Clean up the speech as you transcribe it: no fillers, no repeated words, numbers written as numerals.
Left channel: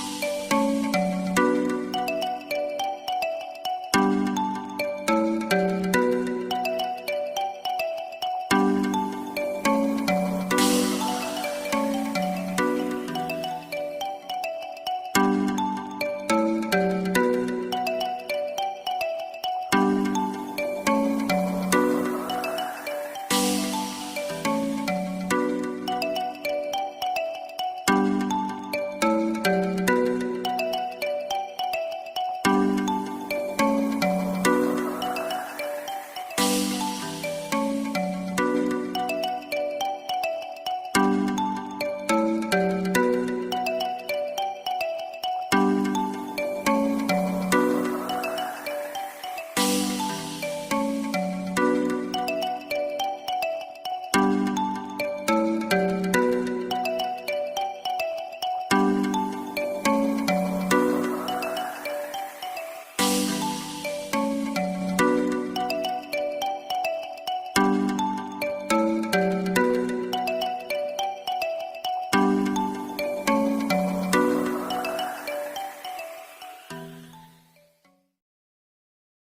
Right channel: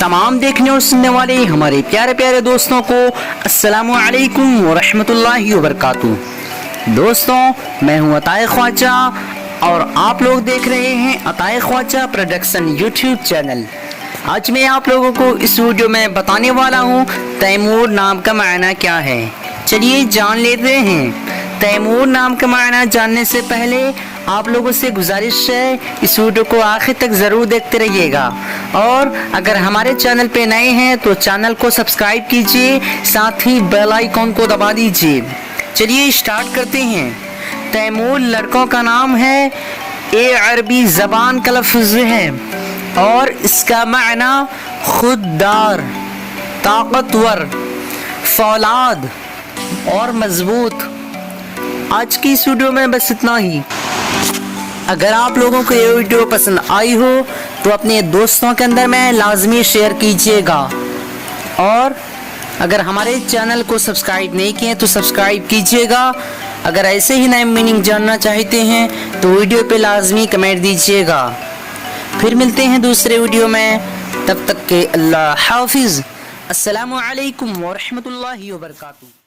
तमाम देखने और सुनने वाले हमारे प्यारे प्यारे दोस्तों को अस्सलामु अलैकुम वरहमतुल्लाहि वबरकातुहू। दोस्तों, मैं हूं अताए ख्वाजा और आप लोग देख रहे हैं अताए ख्वाजा प्रोडक्शन यूट्यूब चैनल। आज मैं आप लोगों को इस वीडियो में बताने वाला हूं तैमूर नाम का मायना क्या है। चलिए जान लेते हैं। तैमूर नाम का मायना जानने से पहले आप लोगों से गुजारिश है इस वीडियो को आखिर तक ज़रूर देखते रहिएगा और अगर हमारे चैनल पे नए हैं तो चैनल को सब्सक्राइब कीजिए, साथ ही बेल आइकॉन को दबा दीजिए। चलिए स्टार्ट करते हैं। तैमूर लड़कों का नाम है, ये अरबी ज़बान का लफ्ज़ है और इसका मायना खुददार, ताकतवर, फौलाद और मजबूत। आज की इस वीडियो में बस इतना ही। अगर आप लोगों को ये वीडियो पसंद आई हो तो अपने दोस्तों के अंदर में लाजमी शेयर कीजिएगा और अगर हमारे चैनल को सब्सक्राइब नहीं किए तो सब्सक्राइब कीजिएगा। अगर ऐसे ही नए मीनिंग जानना चाहते हैं तो वीडियो पे लाजमी कमेंट दीजिएगा। फिर मिलते हैं दूसरे वीडियो में, तब तक के अल्लाह हाफिज़। अस्सलामु अलैकुम वरहमतुल्लाहि वबरकातुहू।